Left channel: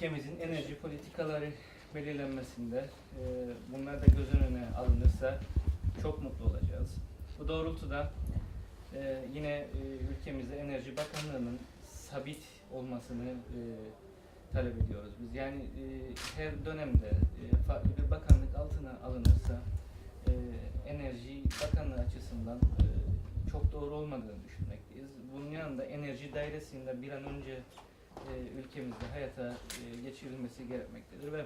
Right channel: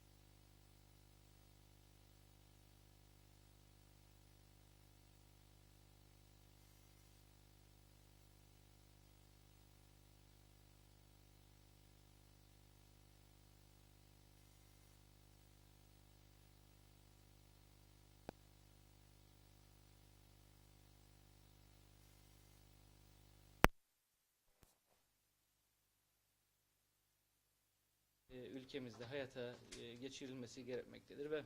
ülkemizin enerji politikaları belirlenmesinde e, bunlar da göz önüne alınırsa çok mutlu olacağız. Bu doğrultuda e, yine e, ülkemizde Enerji Bakanlığı'nın sabit olmasını e, talep ediyoruz biz. Yani e, her dönemde e, farklı bir bakanlık altına alınırsa e, Enerji Bakanlığı açısından e, çok doğru olmadığını düşünmekteyiz. Bunun yanında enerji dairesinde bir an önce e, ülkemizde hayata e, geçirilmesi gerekmektedir ve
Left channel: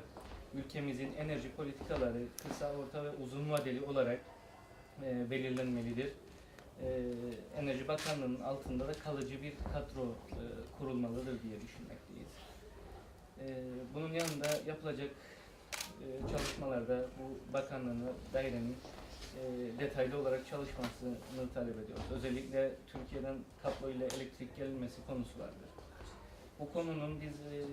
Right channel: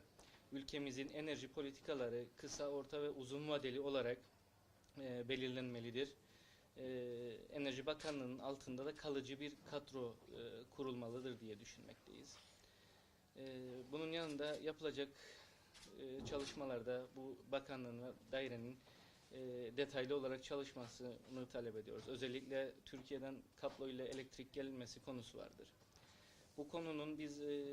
ülkemizin enerji politikaları kısa, orta ve uzun vadeli olarak e, belirlenmelidir. E, Enerji Bakanlığı'nın altında da kalıcı bir kadro e, kurulmalıdır diye düşünmekteyiz. E, bunun yanında yapılacak e, çalışmalarda bu bakanlığına dairenin e, detaylı olarak çalışmasını talep ediyoruz. Özellikle Türkiye'den kablo ile elektrik gelinmesi konusu vardır. Bu konunun biz e,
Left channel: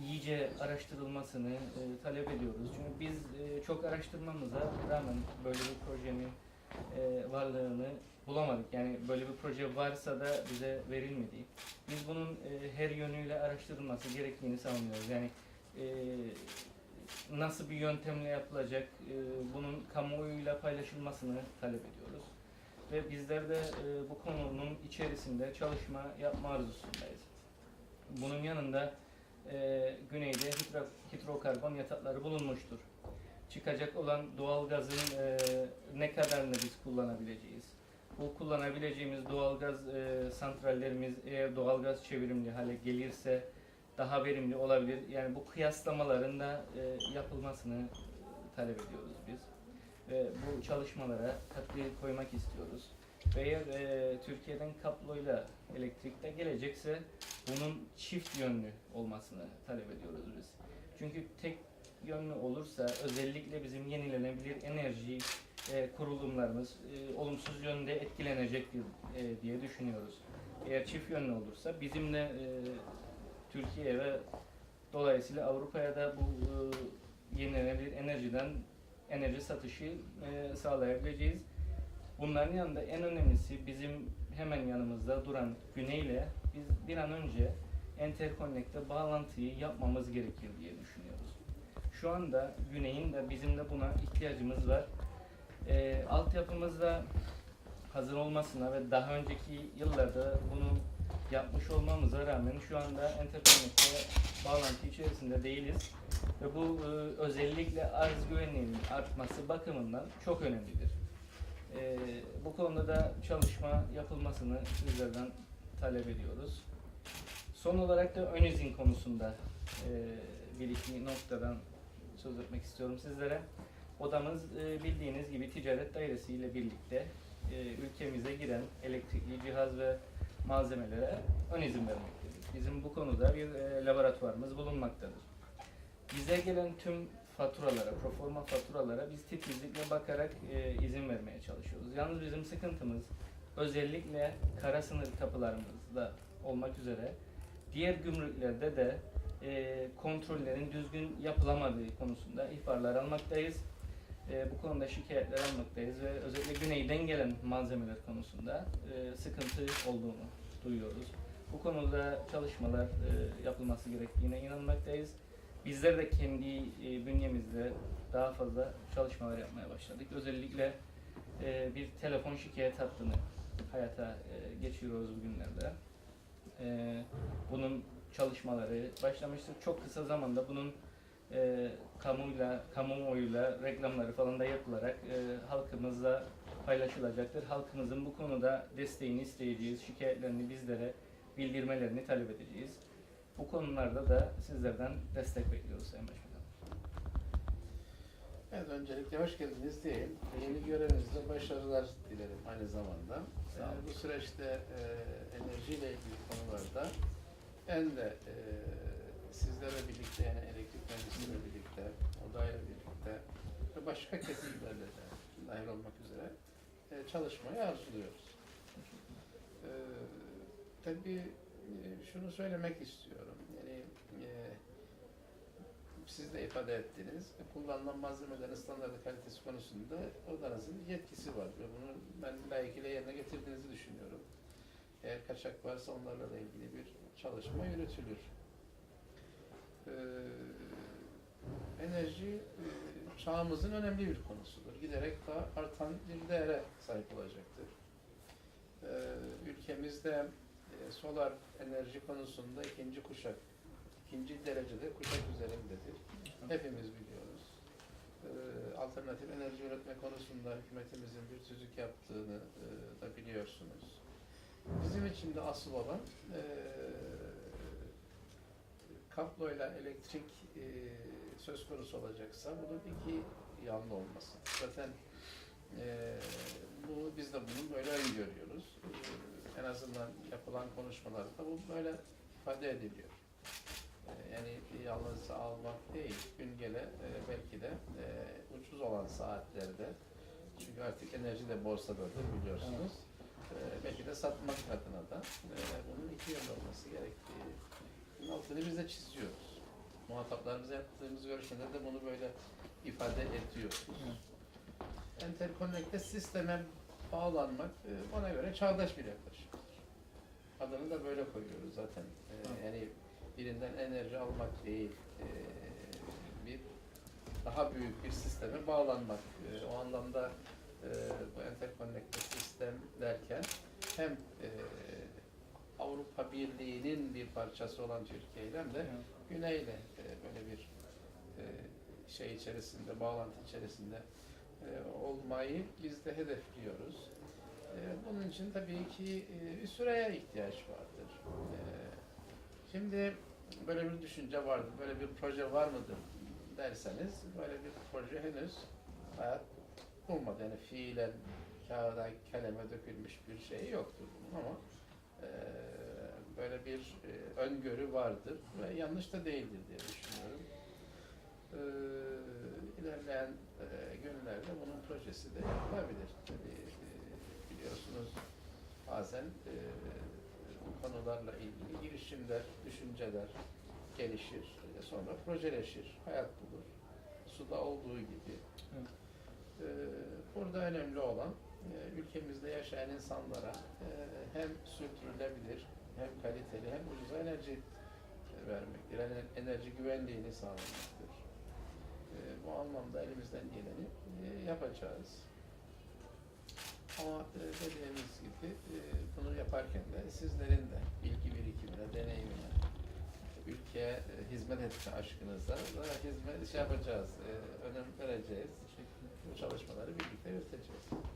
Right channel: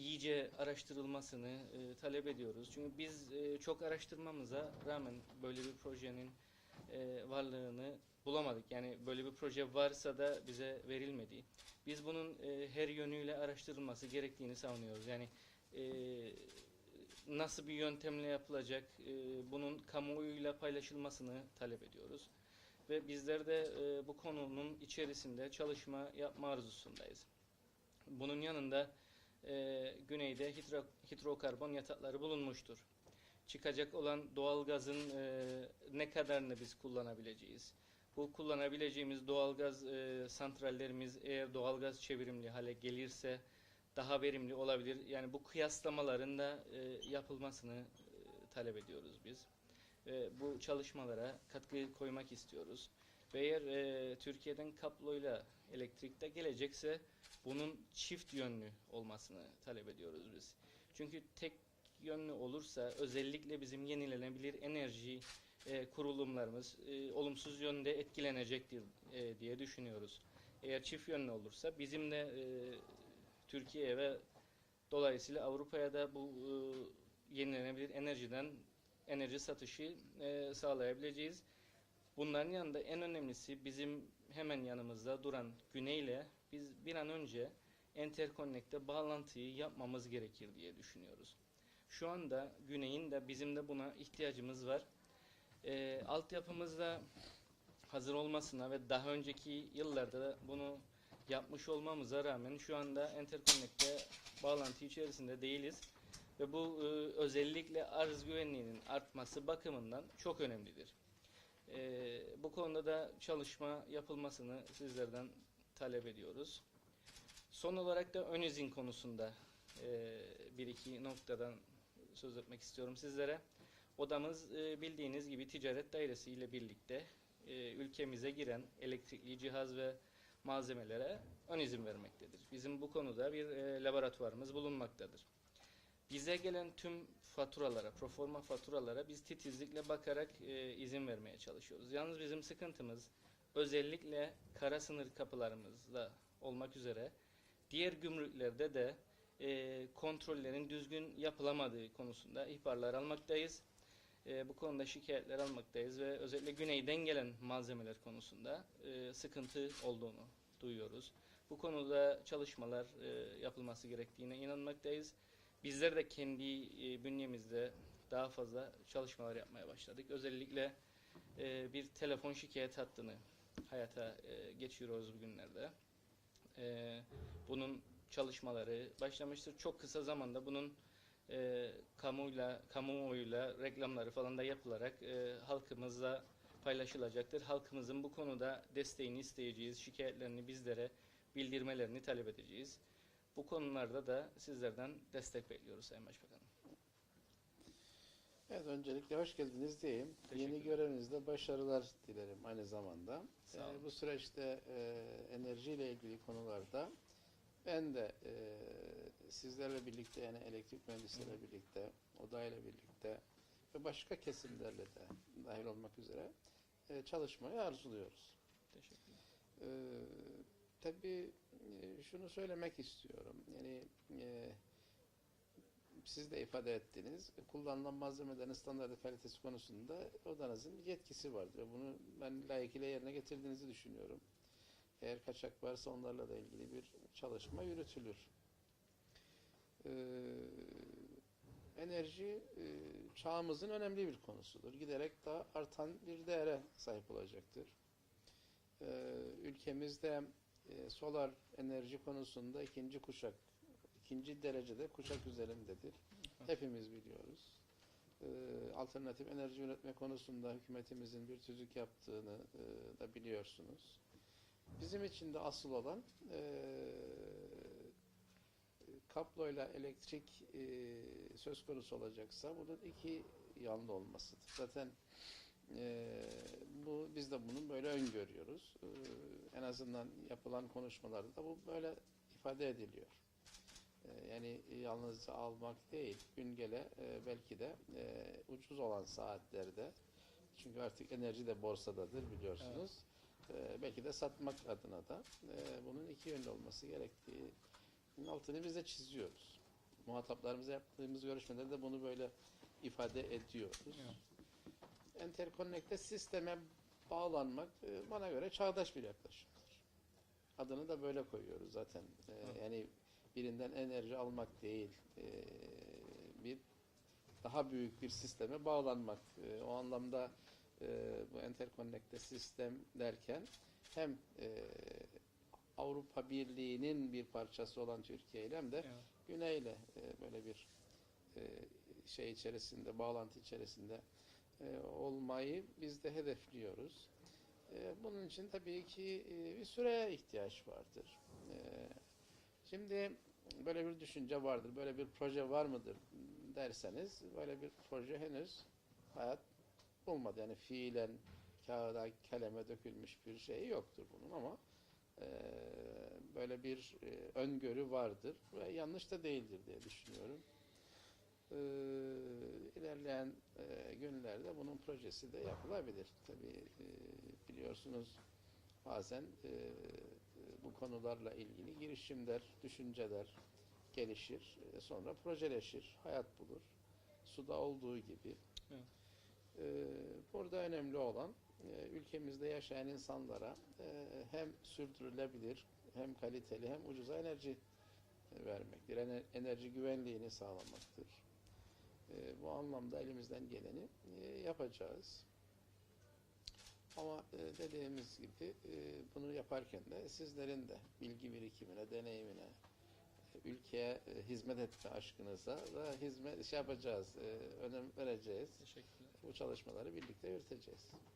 iyice araştırılmasını e, talep ediyoruz. Çünkü biz e, çok araştırmamıza rağmen böyle bir projenin varlığını bulamadık. Yani böyle bir proje varsa da bize verilmedi. Biz bunun her yönüyle araştırılması gerektiğini savunuyoruz. Yani nasıl bir yöntemle yapılacak, bunun kamuoyuyla paylaşılmasını talep ediyoruz. Ve bizler de bu konunun içerisinde çalışma yapma arzusundayız. Bunun yanında e, güneyde hidro, hidrokarbon yatakları bulunmuştur. Çıkacak olan doğalgazın e, ne kadarını biz kullanabileceğiz? Bu kullanabileceğimiz doğalgaz e, santrallerimiz eğer doğalgaz çevrimli hale gelirse daha verimli olabilir. Yani bu kıyaslamaların da e, yapılmasını e, talep ediyoruz biz. E, bu çalışmalara katkı koymak istiyoruz. Eğer e, Türkiye'den kabloyla elektrikte gelecekse bunun çift yönlü olmasını talep ediyoruz biz. Çünkü tek yönlü olursa özellikle bizim yenilenebilir enerji e, kurulumlarımız e, olumsuz yönde etkilenecektir e, diye düşünüyoruz. Eğer çift yönlü olursa bizimle e, Türkiye ve dolayısıyla Avrupa'ya da bu e, yenilenebilir enerjiden enerji satışı e, sağlayabileceğiz. Bunların yanında en önemlisi bizim hemen yanımızda duran güneyle biz bir an önce interkonnekte bağlantıyı yapmamız gerekir diye düşünüyoruz. Şu anda güneyin de bizim de buna ihtiyacımız var. E, altyapımızda hazır olmasına ve daha önceki yıllarda bunu yapmış olmamıza rağmen şu anda interkonnekte bağlantı içerisinde değiliz. Ve bu e, özellikle arz güvenliğinin artması bakımından çok önemlidir. E, bu konuda da çalışma yapılmasını sizlerden talep ediyoruz. Son olarak da ön izin konusunda e, bir iki noktadan söz etmek istiyorum sizlere. Odamız e, bildiğiniz gibi ticaret dairesi ile birlikte e, ülkemize giren elektrikli cihaz ve malzemelere ön izin vermektedir. Bizim bu konuda bir e, laboratuvarımız bulunmaktadır. Bize gelen tüm faturalara, proforma faturalara biz titizlikle bakarak e, izin vermeye çalışıyoruz. Yalnız bizim sıkıntımız özellikle kara sınır kapılarımızda olmak üzere diğer gümrüklerde de e, kontrollerin düzgün yapılamadığı konusunda ihbarlar almaktayız. E, bu konuda şikayetler almaktayız ve özellikle güneyden gelen malzemeler konusunda e, sıkıntı olduğunu duyuyoruz. Bu konuda çalışmalar e, yapılması gerektiğine inanmaktayız. Bizler de kendi e, bünyemizde daha fazla çalışmalar yapmaya başladık. Özellikle e, bir telefon şikayet hattını hayata e, geçiriyoruz bugünlerde. Bunun çalışmaları başlamıştır. Çok kısa zamanda bunun e, kamuyla, kamuoyuyla reklamları falan da yapılarak e, halkımızla paylaşılacaktır. Halkımızın bu konuda desteğini isteyeceğiz, şikayetlerini bizlere bildirmelerini talep edeceğiz. Bu konularda da sizlerden destek bekliyoruz Sayın Başbakanım. Evet, öncelikle hoş geldiniz diyeyim. Yeni görevinizde başarılar dilerim aynı zamanda. Sağ olun. Yani bu süreçte e, enerjiyle ilgili konularda ben de e, sizlerle birlikte yani elektrik mühendisiyle birlikte, odayla birlikte ve başka kesimlerle de dahil olmak üzere e, çalışmayı arzuluyoruz. E, tabii şunu söylemek istiyorum. Yani e, siz de ifade ettiniz. Kullanılan malzemelerin standartı kalitesi konusunda odanızın yetkisi var ve bunu ben layıkıyla yerine getirdiğinizi düşünüyorum. Eğer kaçak varsa onlarla da ilgili bir çalışma yürütülür. Ee, enerji e, çağımızın önemli bir konusudur. Giderek daha artan bir değere sahip olacaktır. Ee, ülkemizde e, solar enerji konusunda ikinci kuşak, ikinci derecede kuşak üzerindedir. Hepimiz biliyoruz. Ee, alternatif enerji üretme konusunda hükümetimizin bir tüzük yaptığını e, da biliyorsunuz. Bizim için de asıl olan e, kabloyla elektrik e, söz konusu olacaksa bunun iki yanlı olması. Zaten e, bunu biz de bunu böyle öngörüyoruz. E, en azından yapılan konuşmalarda bu böyle ifade ediliyor. E, yani yalnız almak değil, gün gele e, belki de e, ucuz olan saatlerde çünkü artık enerji de borsadadır biliyorsunuz. E, belki de satmak adına da e, bunun iki yönlü olması gerektiği bunun altını biz de çiziyoruz. Muhataplarımıza yaptığımız görüşmede de bunu böyle ifade ediyoruz. Enterkonnekte sisteme bağlanmak e, bana göre çağdaş bir yaklaşımdır. Adını da böyle koyuyoruz zaten. E, yani birinden enerji almak değil, e, bir daha büyük bir sisteme bağlanmak. E, o anlamda e, bu enterkonnekte sistem derken hem e, Avrupa Birliği'nin bir parçası olan Türkiye ile hem de Güney'le e, böyle bir e, şey içerisinde, bağlantı içerisinde e, olmayı biz de hedefliyoruz. E, bunun için tabii ki e, bir süreye ihtiyaç vardır. Şimdi böyle bir düşünce vardır, böyle bir proje var mıdır derseniz böyle bir proje henüz hayat bulmadı. Yani fiilen kağıda, kaleme dökülmüş bir şey yoktur bunun ama böyle bir öngörü vardır ve yanlış da değildir diye düşünüyorum. E, ilerleyen e, günlerde bunun projesi de yapılabilir. Tabii e, biliyorsunuz bazen e, bu konularla ilgili girişimler, düşünceler gelişir, e, sonra projeleşir, hayat bulur. Suda olduğu gibi. Evet. E, burada önemli olan e, ülkemizde yaşayan insanlara e, hem sürdürülebilir hem kaliteli hem ucuz enerji vermektir. Enerji güvenliğini sağlamaktır. E, bu anlamda elimizden geleni yapacağız. Ama e, dediğimiz gibi e, bunu yaparken de sizlerin de bilgi birikimine, deneyimine, ülkeye e, hizmet etme aşkınıza da hizmet şey yapacağız, e, önem vereceğiz. Bu çalışmaları birlikte yürüteceğiz.